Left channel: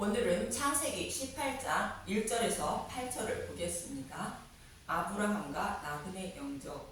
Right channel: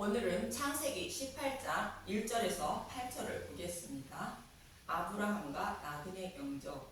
오늘은 창세기 18장 1절에서 8절을 보겠습니다. 아브라함과 나그네 영접.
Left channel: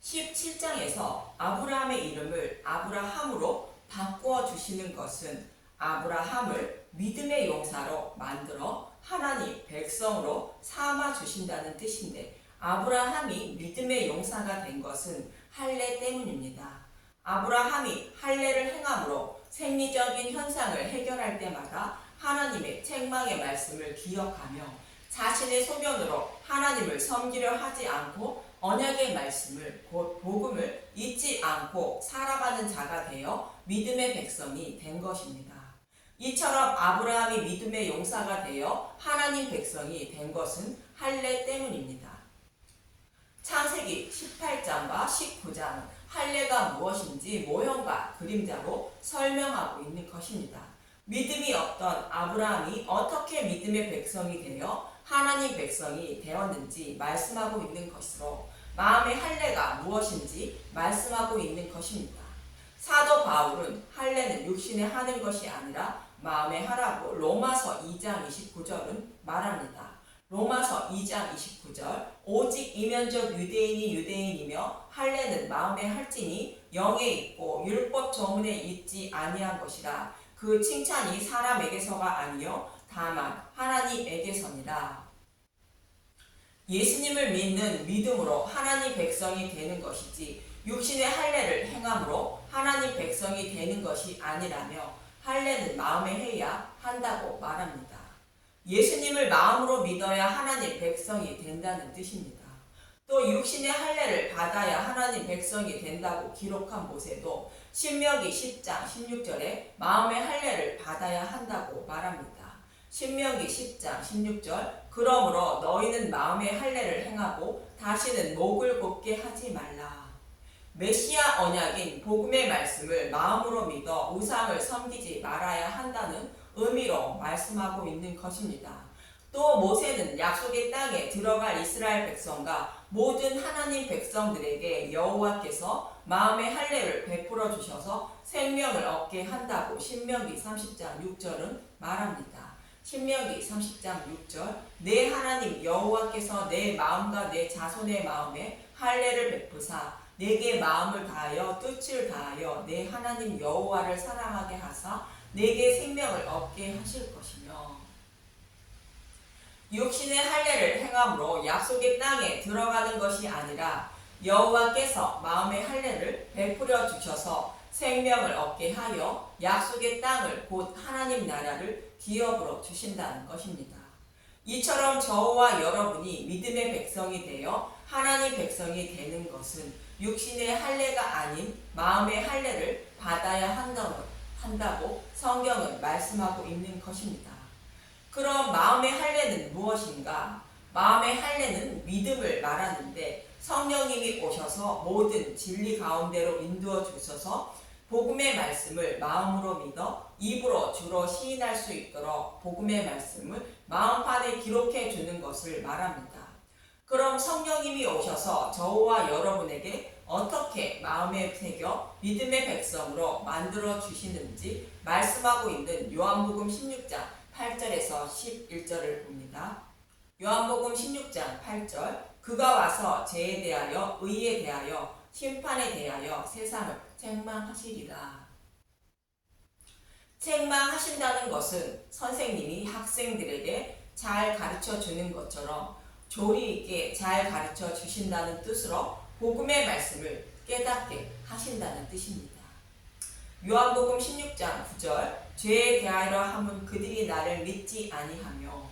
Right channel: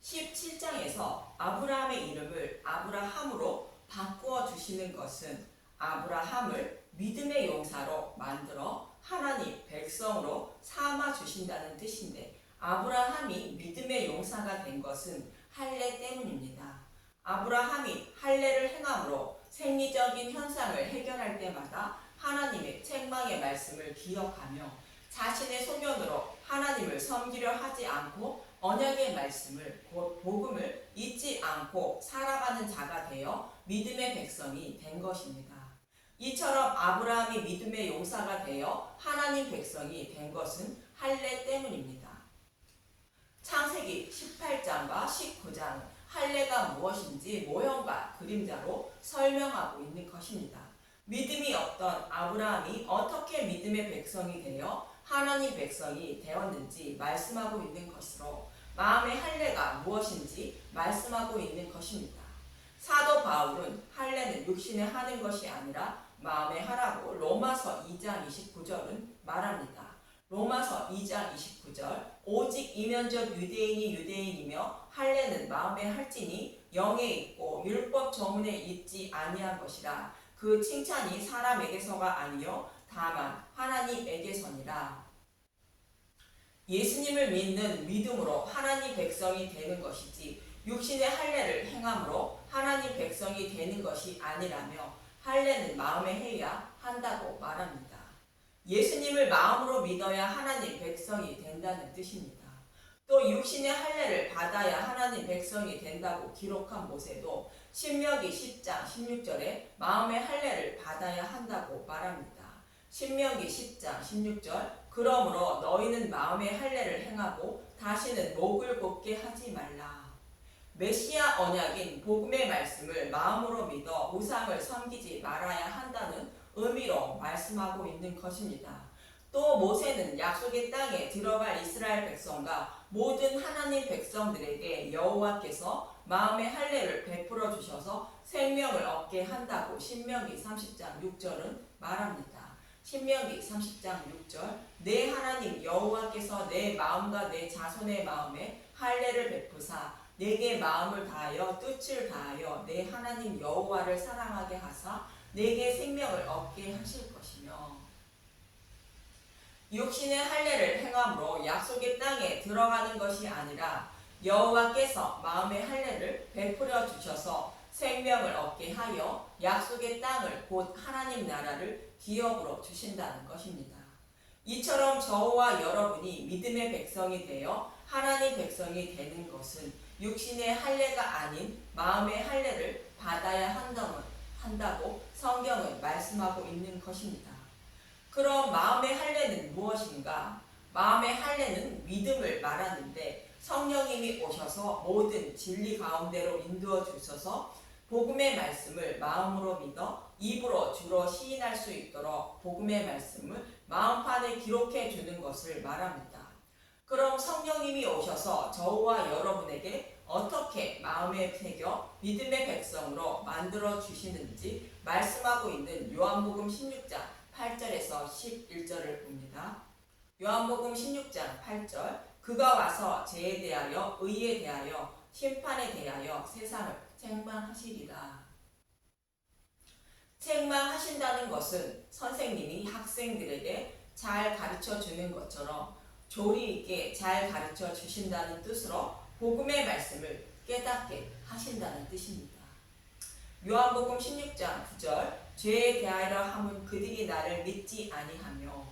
17장에서 아브라함의 이름을 아브라함으로 바꾸어 주시는 것은 아브라함을 믿음의 용사로 만들어 하나님 백성으로 삼아 주신다는 뜻인데, 아브라함이 믿음의 용사가 된 것은 할례 때문입니다. 아브라함이 할례를 행함으로 생리적인 현상을 해결할 때마다 하나님의 책망의 말씀을 기억하며 자신의 소견으로 하나님을 섬기려 하지 않고 언약의 말씀을, 곧 복음을 잊지 않고 살아가는 자가 되어 믿음의 백성이 된 것입니다. 이처럼 아브라함이 믿음의 용사가 되어 하나님 백성이 된 것은 할례 때문입니다. 창세기 18장과 19장은 할례가 무엇인지 모형과 그림자로 설명하고 있는 것입니다. 믿음이 없던 아브라함이 어떻게 믿음의 백성이 되어 하나님 백성이 되었는지 말씀하고 있는 것으로, 마음의 할례가 무엇인지 말씀하고 있는 것입니다. 사도 바울은 할례는 육신에 하는 것이 아니라 마음에 하라고 로마서 2장 29절은 말합니다. 로마서 2장 29절, 오직 이면적 유대인이 유대인이며 할례는 마음에 할지니 영에 있고 율법 조문에 있지 아니한 것이라. 그 칭찬이 사람에게서가 아니요 다만 하나님에게서니라. 예수님을 믿는 믿음으로 하나님 백성이 되는 것이지, 육신의 할례를 행함으로 하나님 백성이 되는 것이 아니라며 할례는 마음에 해야 한다고 말합니다. 예수님을 마음으로 믿어야 하나님 백성이 된다는 뜻입니다. 또 육신의 할례를 받아야 하나님 백성이 된다고 기록한 모세도 신명기 10장 16절에 마음의 할례를 받아야 한다고 말합니다. 신명기 10장 16절, 그러므로 너희는 마음의 할례를 행하고 다시는 목을 곱게 하지 말라. 메시아 언약인 복음의 말씀을 마음으로 믿어 우상을 섬기지 말아야 한다는 의미로 말씀하고 있는 것입니다. 또 모세는 약속의 땅에 들어갈 이스라엘 백성과 모든 하나님 백성들에게 여호와께서 마음의 할례를 베풀어 주셔서 생명을 얻게 한다고 신명기 30장 6절은 말합니다. 신명기 30장 6절, 내 하나님 여호와께서 내 마음과 내 자손의 마음에 할례를 베푸사 내게 마음을 다하여 뜻을 다하여 내 하나님 여호와를 사랑하게 하사 내게 생명을 얻게 하실 것이며, 육신의 할례를 행함으로 약속의 땅에 들어가는 것이 아니라 여호와께서 마음의 할례를 베풀어 주셔서 생명을 얻게 하여 약속의 땅을, 곧 하나님 나라를 기업으로 주신다는 것입니다. 이처럼 저와 여러분이 믿음의 백성이 되어 하나님 백성이 되는 것은 육신의 할례가 아닌 마음의 할례를 받아야 한다고 성경은 말씀하고 있는 것입니다. 그럼 마음의 할례는 무엇인가? 마음의 할례는 믿음을 말하는데, 성령님이 오셔서 모든 진리 가운데로 인도어 주셔서 복음의 말씀을 마음으로 믿어 입으로 주로 시인할 수 있도록 복음의 말씀을 마음판에 기록해 주는 것을 말합니다. 그럼 성령님이 오셔서 저와 여러분에게 어떻게 마음에 새겨 믿음의 백성으로 만들어 주시는지 말씀하고 있는 요한복음 16장 8절에서 11절을 봅니다. 요한복음 16장 8절, 그가 와서 죄에 대하여 의에 대하여 심판에 대하여 세상을 책망하시리라. 책망하신다는 것은 선생님이 학생들에게 잘 가르쳐 주는 것처럼 조리 있게 잘 가르쳐 주신다는 뜻으로 복음의 말씀을 깨닫게 하신다는 뜻입니다. 요한복음 16장 9절, 죄에 대하여 함은 그들이 나를 믿지 아니하며,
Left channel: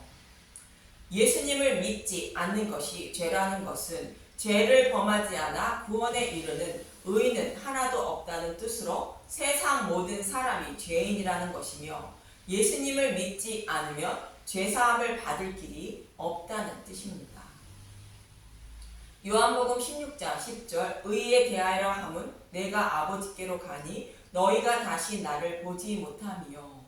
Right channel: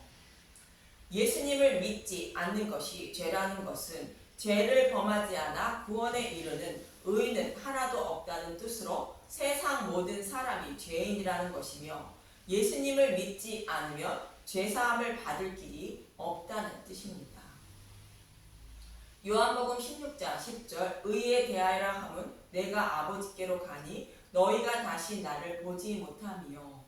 예수님을 믿지 않는 것이 죄라는 것은 죄를 범하지 않아 구원에 이르는 의인은 하나도 없다는 뜻으로 세상 모든 사람이 죄인이라는 것이며, 예수님을 믿지 않으면 죄사함을 받을 길이 없다는 뜻입니다. 요한복음 16장 10절, 의에 대하여 함은 내가 아버지께로 가니 너희가 다시 나를 보지 못하며,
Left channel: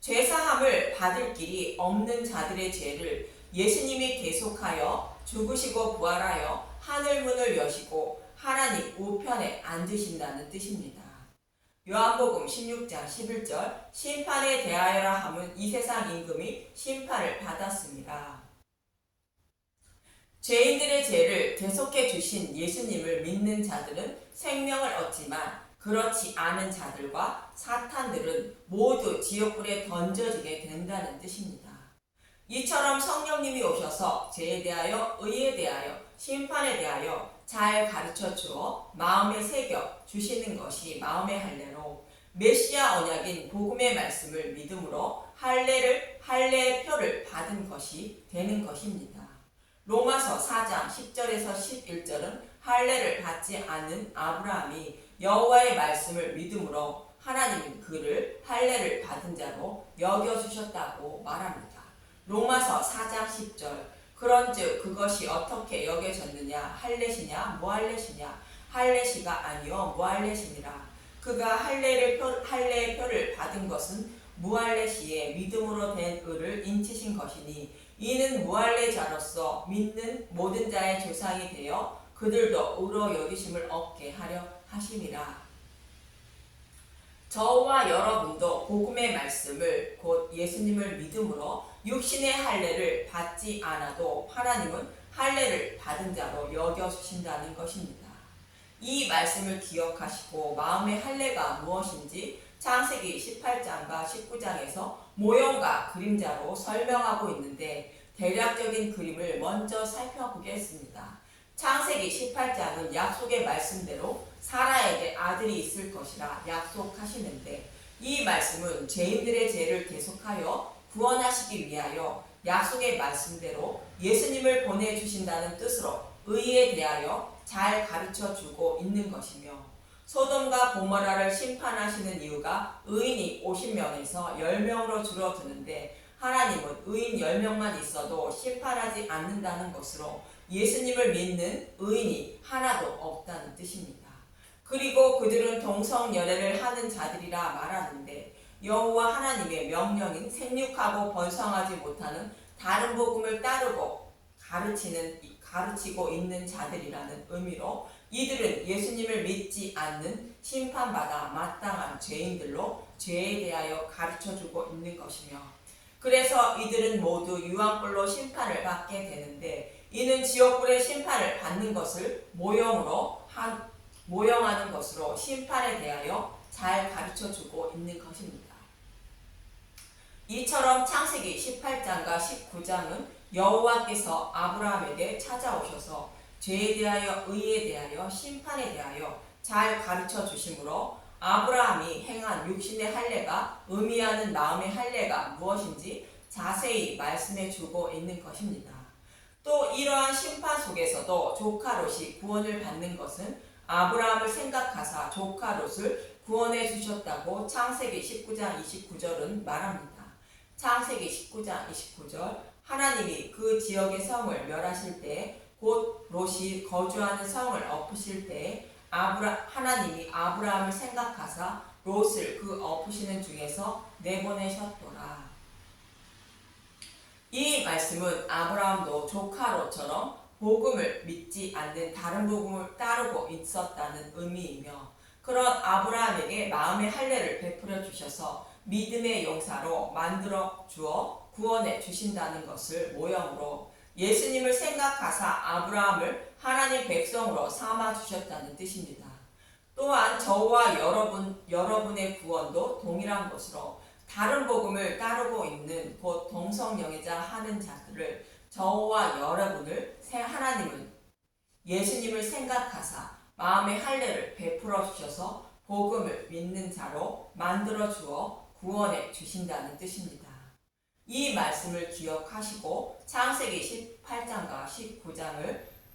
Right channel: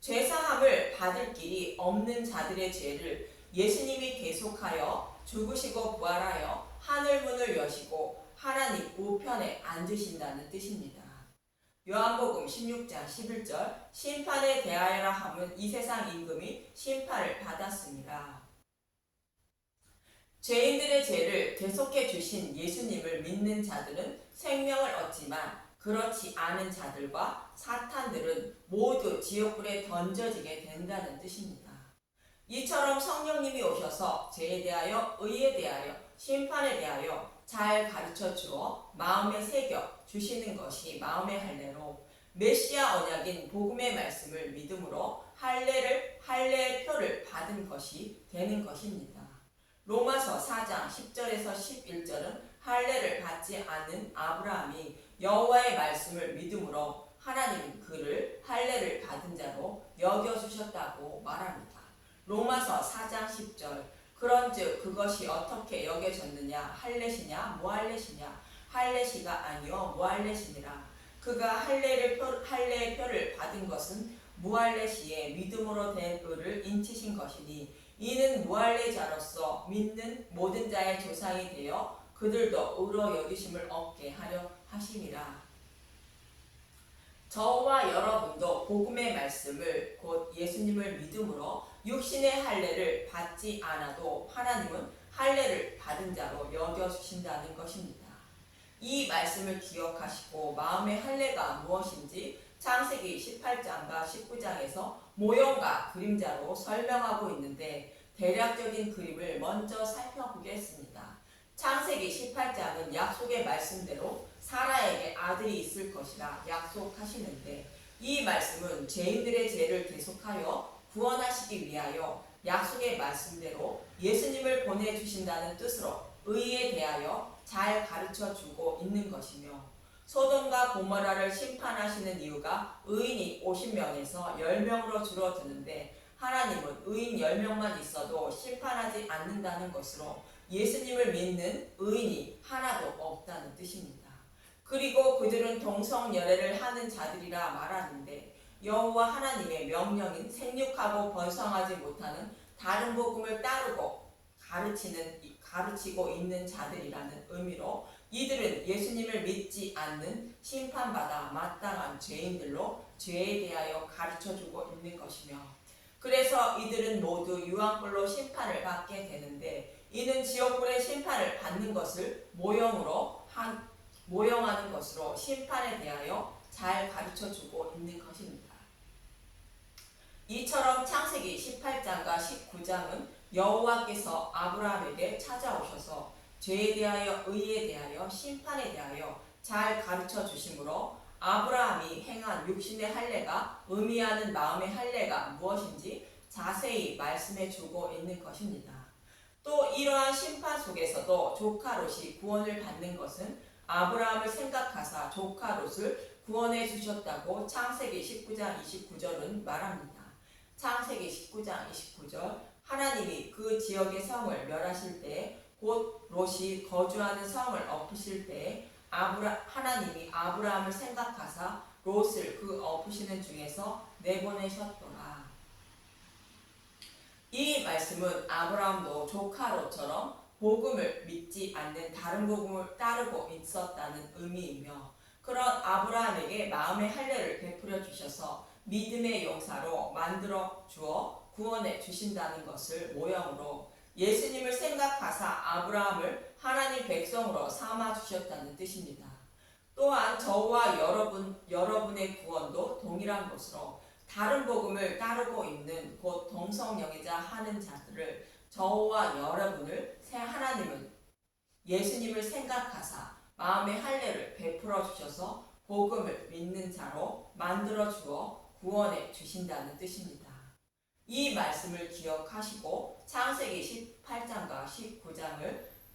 죄사함을 받을 길이 없는 자들의 죄를 예수님이 계속하여 죽으시고 부활하여 하늘문을 여시고 하나님 우편에 앉으신다는 뜻입니다. 요한복음 16장 11절 심판에 대하여라 함은 이 세상 임금이 심판을 받았습니다. 죄인들의 죄를 대속해 주신 예수님을 믿는 자들은 생명을 얻지만 그렇지 않은 자들과 사탄들은 모두 지옥불에 던져지게 된다는 뜻입니다. 이처럼 성령님이 오셔서 죄에 대하여, 의에 대하여, 심판에 대하여 잘 가르쳐 주어 마음에 새겨 주시는 것이 마음의 할례로, 메시아 언약인 복음의 말씀을 믿음으로 할례의 표를 받은 것이 되는 것입니다. 로마서 4장 10절에서 11절은 할례를 받지 않은 아브라함이 여호와의 말씀을 믿음으로 하나님은 그를 할례를 받은 자로 여겨주셨다고 말합니다. 로마서 4장 10절 그런즉 그것이 어떻게 여겨졌느냐 할례시냐 무할례시냐 할례시가 아니요 무할례시니라. 그가 할례의 표를 받은 것은 무할례시에 믿음으로 된 의를 인치신 것이니 이는 무할례자로서 믿는 모든 자의 조상이 되어 그들도 의로 여기심을 얻게 하려 하심이라. 저와 여러분도 복음의 말씀을 곧 예수님을 믿음으로 육신의 할례를 받지 않아도 하나님은 할례를 받은 자로 여겨주신다는 것입니다. 이 말씀을 기억하시고 마음의 할례가 무엇인지 창세기 18장과 19장에서 모형과 그림자로 설명하고 있는데 대략적인 그림을 먼저 살펴보겠습니다. 창세기 18장은 약속의 말씀대로 사라에게 아들이 있을 것이라 약속하시는데 이 말씀은 죄인들의 죄를 대속하여 구원하시기 위하여 약속의 말씀대로 예수님을 보내주신다는 뜻으로 의에 대하여 잘 가르쳐주고 있는 것이며 소돔과 고모라를 심판하시는 이유가 의인이 50명에서 10명으로 줄어드는데 하나님은 의인 10명만 있어도 심판하지 않는다는 것으로 예수님을 믿는 의인이 하나도 없다는 뜻입니다. 그리고 그들은 동성열애를 하는 자들이라 말하는데 여호와 하나님의 명령인 생육하고 번성하지 못하는 다른 복음을 따르고 가르치고 있는 자들이라는 의미로 이들은 예수님을 믿지 않는 심판받아 마땅한 죄인들로 죄에 대하여 가르쳐주고 있는 것이며 그래서 이들은 모두 유황불로 심판을 받게 되는데 이는 지옥불의 심판을 받는 것을 모형하는 것으로 심판에 대하여 잘 가르쳐주고 있는 것입니다. 이처럼 창세기 18장과 19장은 여호와께서 아브라함에게 찾아오셔서 죄에 대하여 의에 대하여 심판에 대하여 잘 가르쳐 주심으로 아브라함이 행한 육신의 할례가 의미하는 마음의 할례가 무엇인지 자세히 말씀해 주고 있는 것입니다. 또 이러한 심판 속에서도 조카 롯이 구원을 받는 것은 아브라함을 생각하사 조카 롯을 구원해 주셨다고 창세기 19장 29절은 말합니다. 창세기 19장 29절 하나님이 그 지역의 성을 멸하실 때 곧 롯이 거주하는 성을 엎으실 때 하나님이 아브라함을 생각하사 롯을 그 엎으시는 중에서 내보내셨더라. 이 말씀은 아브라함도 조카 롯처럼 복음을 믿지 않는 다른 복음을 따르고 있었다는 의미이며 그런 아브라함에게 마음의 할례를 베풀어 주셔서 믿음의 용사로 만들어 주어 구원해 주신다는 것을 모형으로 예수님을 생각하사 아브라함을 하나님 백성으로 삼아 주셨다는 뜻입니다. 또한 저와 여러분의 구원도 동일한 것으로 다른 복음을 따르고 있는 곧 동성영애자 하는 자들을 저와 여러분을 하나님은 예수님을 생각하사 마음의 할례를 베풀어 주셔서 복음을 믿는 자로 만들어 주어 구원해 주신다는 뜻입니다. 이 말씀을 기억하시고 창세기 18장과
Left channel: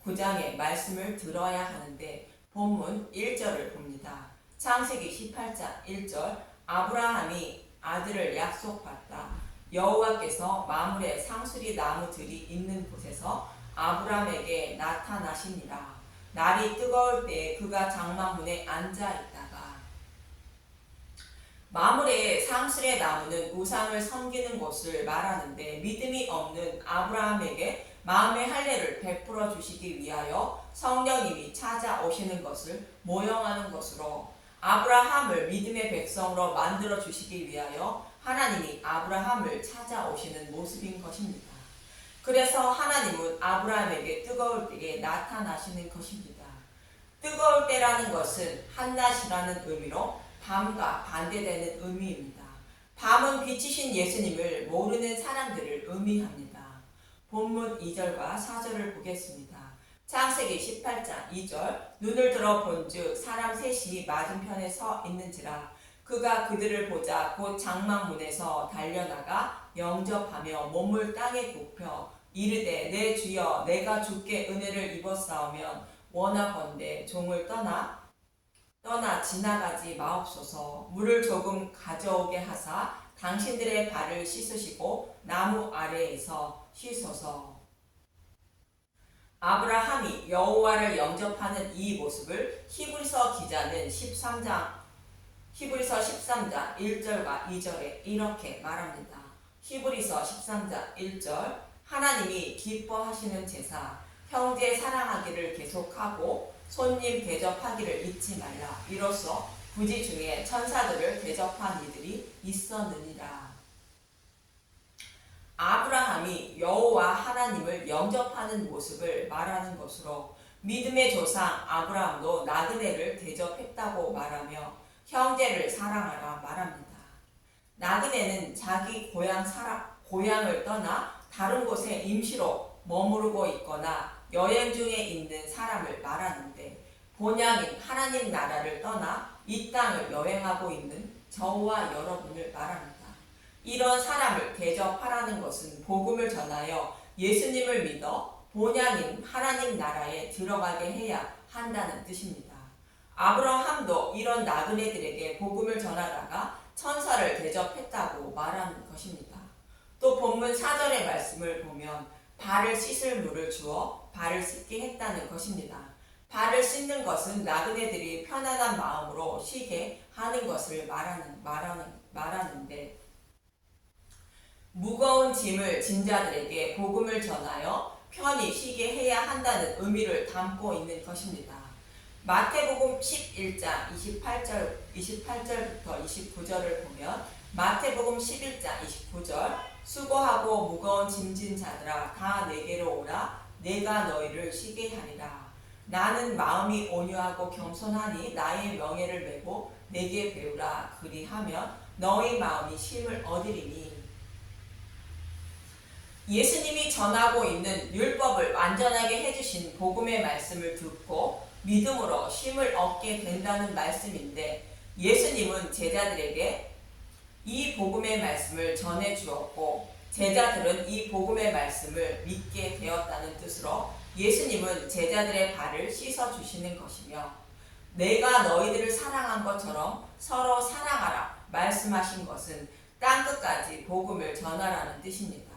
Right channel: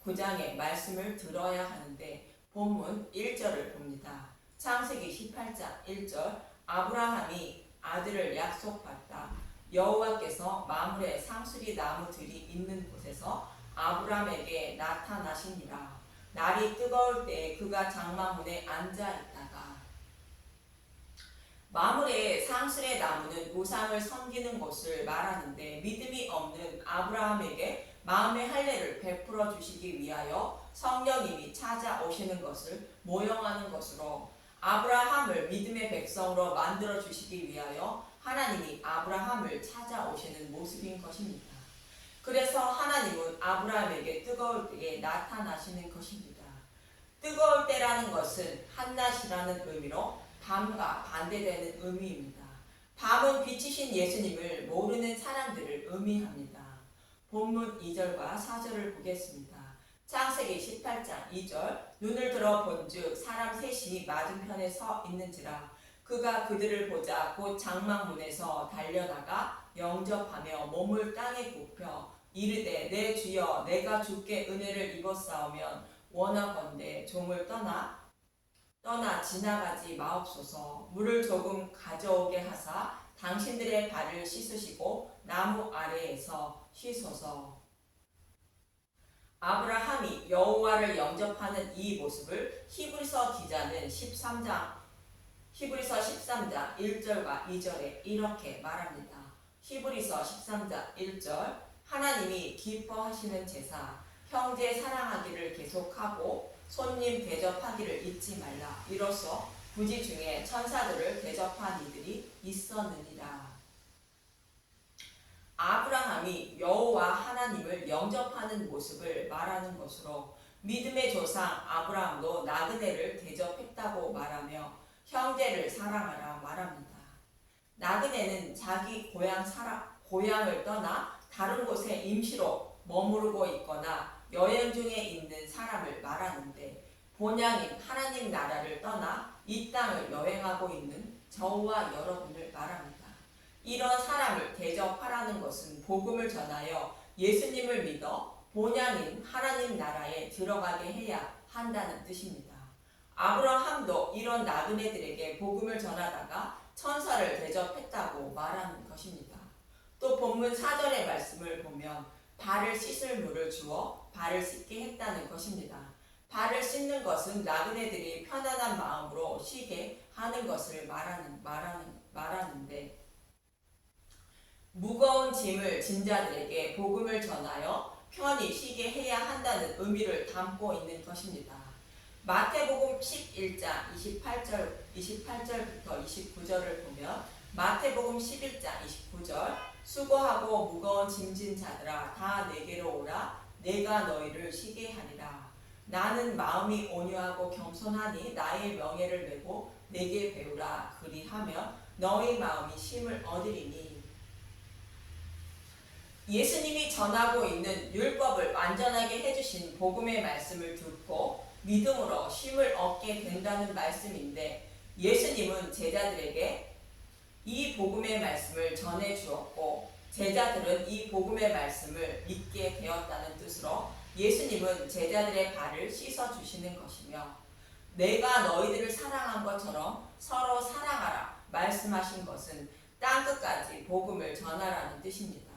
19장의 말씀을 들어야 하는데 본문 1절을 봅니다. 창세기 18장 1절 아브라함이 아들을 약속받다. 여호와께서 마물의 상수리 나무들이 있는 곳에서 아브라함에게 나타나시니라. 날이 뜨거울 때 그가 장막문에 앉아 있다가 마물의 상수리 나무는 우상을 섬기는 곳을 말하는데 믿음이 없는 아브라함에게 마음의 할례를 베풀어 주시기 위하여 성령님이 찾아오시는 것을 모형하는 것으로 아브라함을 믿음의 백성으로 만들어 주시기 위하여 하나님이 아브라함을 찾아오시는 모습인 것입니다. 그래서 하나님은 아브라함에게 뜨거울 때에 나타나시는 것입니다. 뜨거울 때라는 것은 한낮이라는 의미로 밤과 반대되는 의미입니다. 밤은 빛이신 예수님을 모르는 사람들을 의미합니다. 본문 2절과 4절을 보겠습니다. 창세기 18장 2절 눈을 들어 본즉 사람 셋이 맞은편에 서 있는지라 그가 그들을 보자 곧 장막문에서 달려나가 영접하며 몸을 땅에 굽혀 이르되 내 주여 내가 주께 은혜를 입었사오면 원하건대 종을 떠나 지나가지 마옵소서. 물을 조금 가져오게 하사 당신들의 발을 씻으시고 나무 아래에서 쉬소서. 아브라함이 여호와를 영접하는 이 모습을 히브리서 기자는 13장 1절과 2절에 이렇게 말합니다. 히브리서 13장 1절 하나님이 기뻐하시는 제사 형제 사랑하기를 계속하고 손님 대접하기를 잊지 말라. 이로써 부지 중에 천사들을 대접한 이들이 있었느니라. 아브라함이 여호와 하나님을 영접하는 모습을 말하는 것으로 믿음의 조상 아브라함도 나그네를 대접했다고 말하며 형제를 사랑하라 말합니다. 나그네는 자기 고향을 떠나 다른 곳에 임시로 머무르고 있거나 여행 중에 있는 사람을 말하는데 본향인 하나님 나라를 떠나 이 땅을 여행하고 있는 저와 여러분을 말합니다. 이런 사람을 대접하라는 것은 복음을 전하여 예수님을 믿어 본향인 하나님 나라에 들어가게 해야 한다는 뜻입니다. 아브라함도 이런 나그네들에게 복음을 전하다가 천사를 대접했다고 말하는 것입니다. 또 본문 4절의 말씀을 보면 발을 씻을 물을 주어 발을 씻게 했다는 것입니다. 발을 씻는 것은 나그네들이 편안한 마음으로 쉬게 하는 것을 말하는데 무거운 짐을 진 자들에게 복음을 전하여 편히 쉬게 해야 한다는 의미를 담고 있는 것입니다. 마태복음 11장 28절부터 29절을 보면 마태복음 11장 29절 수고하고 무거운 짐진 자들아 다 내게로 오라 내가 너희를 쉬게 하리라. 나는 마음이 온유하고 겸손하니 나의 명예를 메고 내게 배우라. 그리하면 너희 마음이 쉼을 얻으리니. 예수님이 전하고 있는 율법을 완전하게 해주신 복음의 말씀을 듣고 믿음으로 쉼을 얻게 된다는 말씀인데 예수님은 제자들에게 이 복음의 말씀을 전해 주었고 제자들은 이 복음의 말씀을 믿게 되었다는 뜻으로 예수님은 제자들의 발을 씻어 주시는 것이며 내가 너희들을 사랑한 것처럼 서로 사랑하라 말씀하신 것은 땅끝까지 복음을 전하라는 뜻입니다.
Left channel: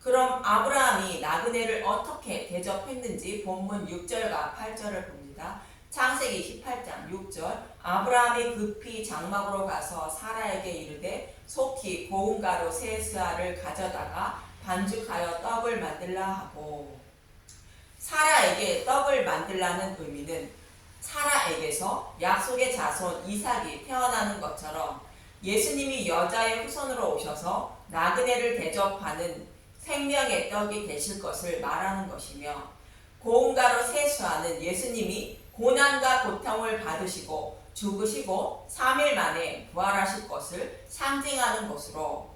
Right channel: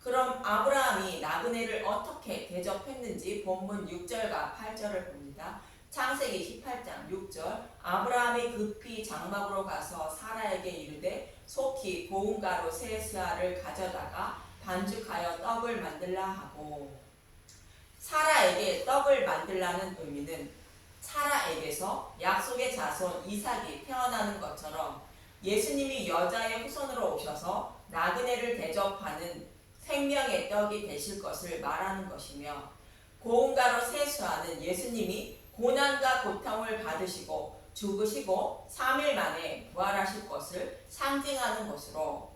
그럼 아브라함이 나그네를 어떻게 대접했는지 본문 6절과 8절을 봅니다. 창세기 18장 6절 아브라함이 급히 장막으로 가서 사라에게 이르되 속히 고운 가루 세 스아를 가져다가 반죽하여 떡을 만들라 하고 사라에게 떡을 만들라는 의미는 사라에게서 약속의 자손 이삭이 태어나는 것처럼 예수님이 여자의 후손으로 오셔서 나그네를 대접하는 생명의 떡이 되실 것을 말하는 것이며 고운 가루 세 스아는 예수님이 고난과 고통을 받으시고 죽으시고 3일 만에 부활하실 것을 상징하는 것으로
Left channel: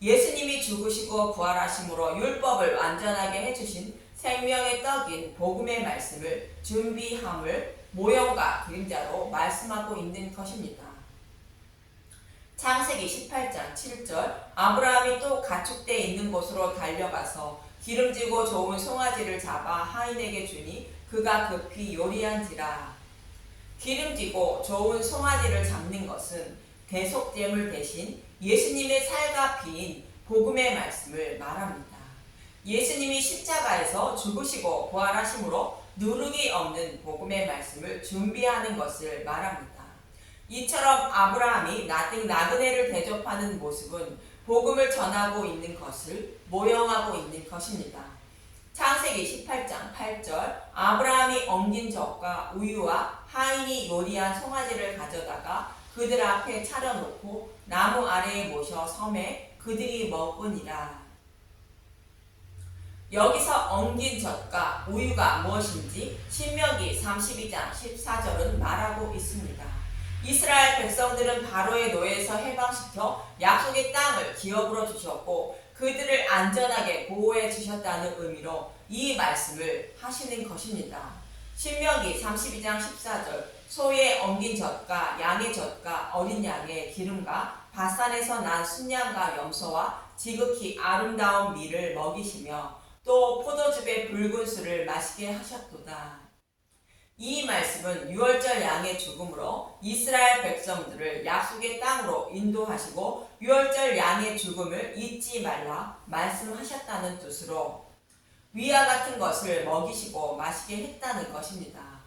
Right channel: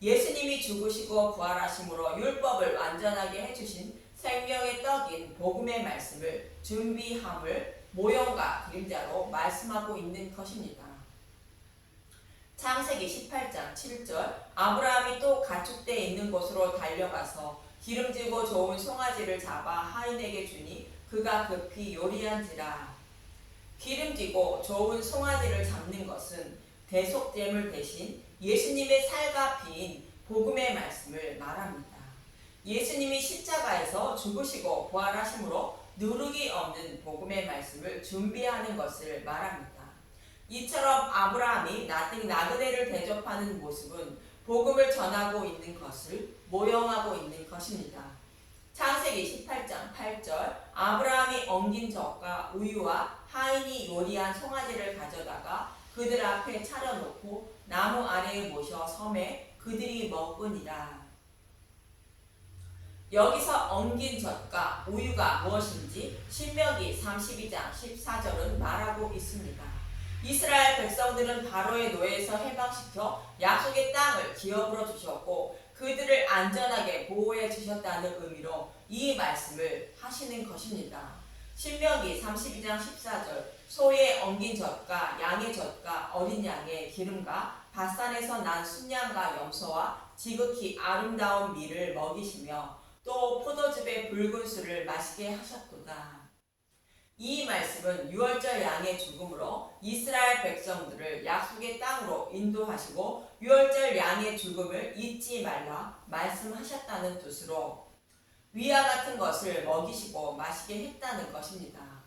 예수님이 죽으시고 부활하심으로 율법을 완전하게 해주신 생명의 떡인 복음의 말씀을 준비함을 모형과 그림자로 말씀하고 있는 것입니다. 창세기 18장 7절 아브라함이 또 가축대 있는 곳으로 달려가서 기름지고 좋은 송아지를 잡아 하인에게 주니 그가 급히 요리한지라. 기름지고 좋은 송아지를 잡는 것은 대속제물 대신 예수님의 살과 피인 복음의 말씀을 말합니다. 예수님이 십자가에서 죽으시고 부활하심으로 누룩이 없는 복음의 말씀을 준비하는 것을 말합니다. 이처럼 아브라함이 나그네를 대접하는 모습은 복음을 전하고 있는 것을 모형하고 있는 것입니다. 창세기 18장 8절 아브라함이 엉긴 젖과 우유와 하인이 요리한 송아지를 가져다가 그들 앞에 차려놓고 나무 아래에 모셔 섬에 그들이 먹으니라. 여기서 엉긴 젖과 우유가 무엇인지 신명기 32장 14절은 말하고 있습니다. 이스라엘 백성들은 바로의 노예에서 해방시켜 약속의 땅을 기업으로 주셨고 그들을 안전하게 보호해 주셨다는 의미로 이 말씀을 하시는 것입니다. 신명기 32장 14절 소의 엉긴 젖과 양의 젖과 어린 양의 기름과 바산에서 난 순양과 염소와 지극히 아름다운 밀을 먹이시며 또 포도즙의 붉은 술을 마시게 하셨도다. 이 말씀은 유월절 양의 죽음으로 이스라엘 백성들을 약속의 땅으로 인도하시고 유월절 양의 죽음을 잊지 말라 말씀하셨다는 뜻으로 위와 같은 것을 먹이시고 마시게 했다는 것입니다.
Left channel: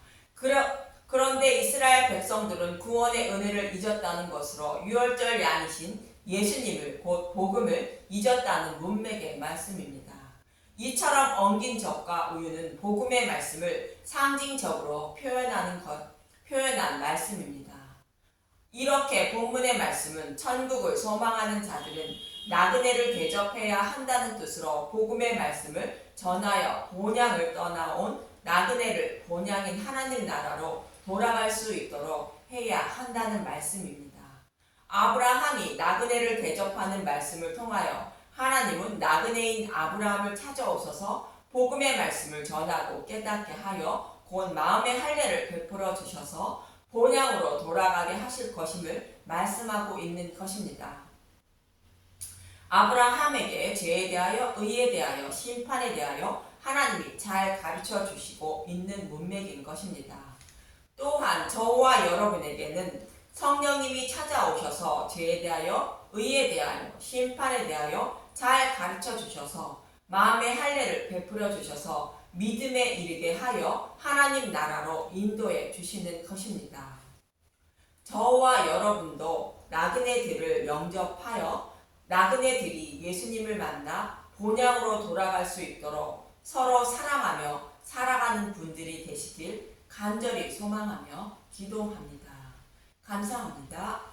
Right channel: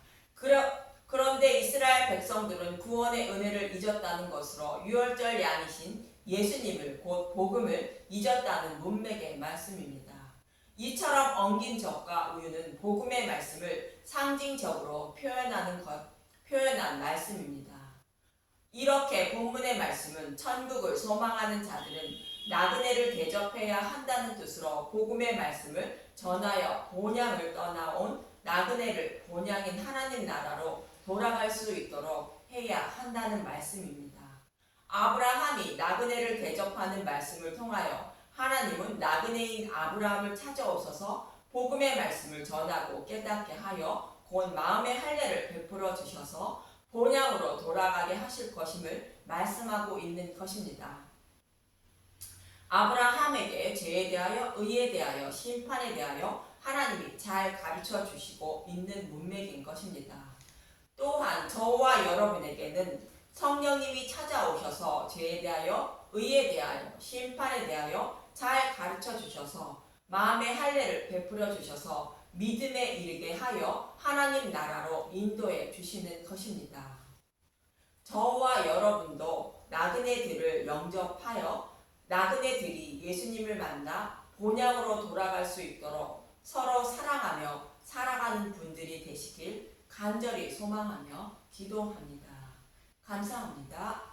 그런데 이스라엘 백성들은 구원의 은혜를 잊었다는 것으로 유월절 양이신 예수님을 곧 복음을 잊었다는 문맥의 말씀입니다. 이처럼 엉긴 젖과 우유는 복음의 말씀을 상징적으로 표현한 말씀입니다. 이렇게 본문의 말씀은 천국을 소망하는 자들은 나그네를 대접해야 한다는 뜻으로 복음의 말씀을 전하여 본향을 떠나온 나그네를 본향인 하나님 나라로 돌아갈 수 있도록 해야 한다는 말씀입니다. 아브라함이 나그네를 대접하는 말씀을 통하여 하나님은 나그네인 아브라함을 찾아오셔서 복음의 말씀을 전하고 깨닫게 하여 곧 마음의 할례를 베풀어 주셔서 본향으로 돌아가게 하실 것임을 말씀하고 있는 것입니다. 아브라함에게 죄에 대하여 의에 대하여 심판에 대하여 하나님이 잘 가르쳐 주시고 있는 문맥인 것입니다. 또한 저와 여러분에게는 성령님이 찾아오셔서 죄에 대하여 의에 대하여 심판에 대하여 잘 가르쳐 주셔서 마음의 할례를 베풀어 주셔서 믿음에 이르게 하여 하나님 나라로 인도해 주시는 것입니다. 저와 여러분도 나그네들을 영접하여 나그네들이 예수님을 만나 본향으로 돌아갈 수 있도록 서로 사랑하며 살아가는 분들이 되시길 간절히 소망하며 기도합니다. 감사합니다.